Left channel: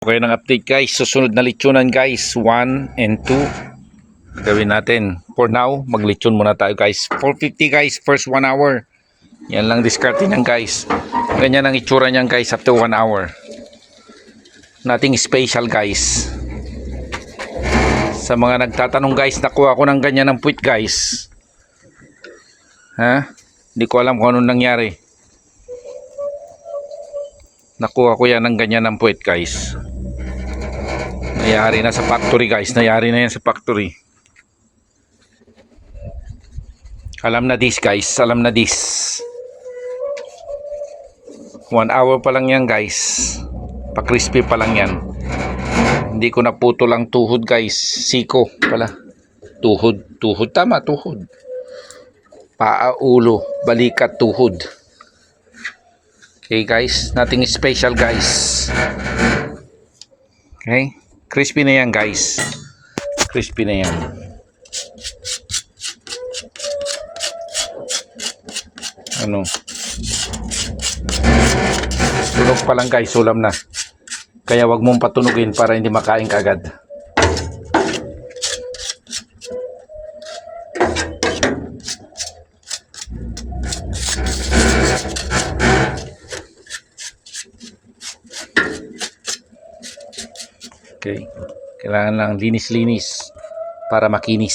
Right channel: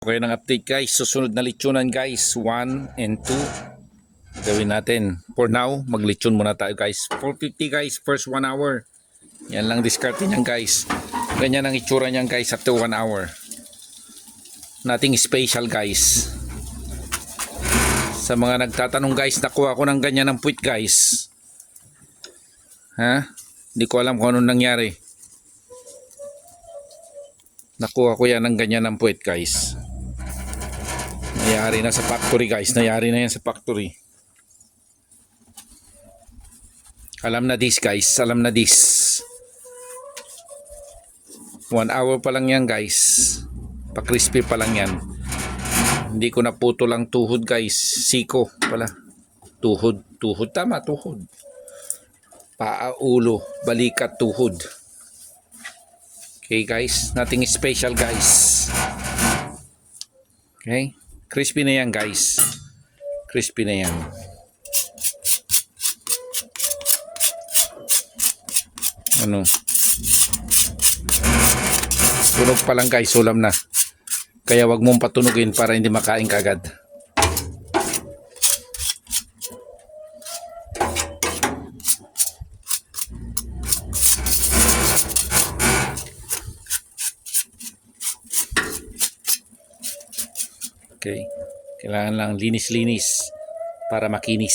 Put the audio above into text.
Okay ng update guys, susunod na lechonan guys, 1 and 2 gawin natin. For now, maglechon muna tayo guys. 450 guys, first 1 hour. Yan lang diskarte niyan guys. Ganyan ang itsura niyan guys after 1 hour. Nothing special guys. Sa mga nagtatanong guys, nakuha ko ng ganyan ng puwit guys. Hindi ko alam kung anong nangyari. Nakuha ko yan ng ganyan ng puwit guys. Nangyari na sa factory guys. Nangyari na yan sa factory. Alam na this guys. Alam na this. 1 hour pa lang yan guys. Pa-crispy pa lang yan. Hindi ko naputo lang tuhod guys. Siko pala. Tuhod. Tuhod. Tama. Tuhod. Paa, ulo, balikat, tuhod. Okay guys. Nothing special guys. Okay. Crispy na yan guys. Crispy na yan. Ano? Sunog pa lang guys. Sulam na. Kaya wag mong patunugin para hindi makain kagad. Okay. Kailangan lang linis-linis para makinis.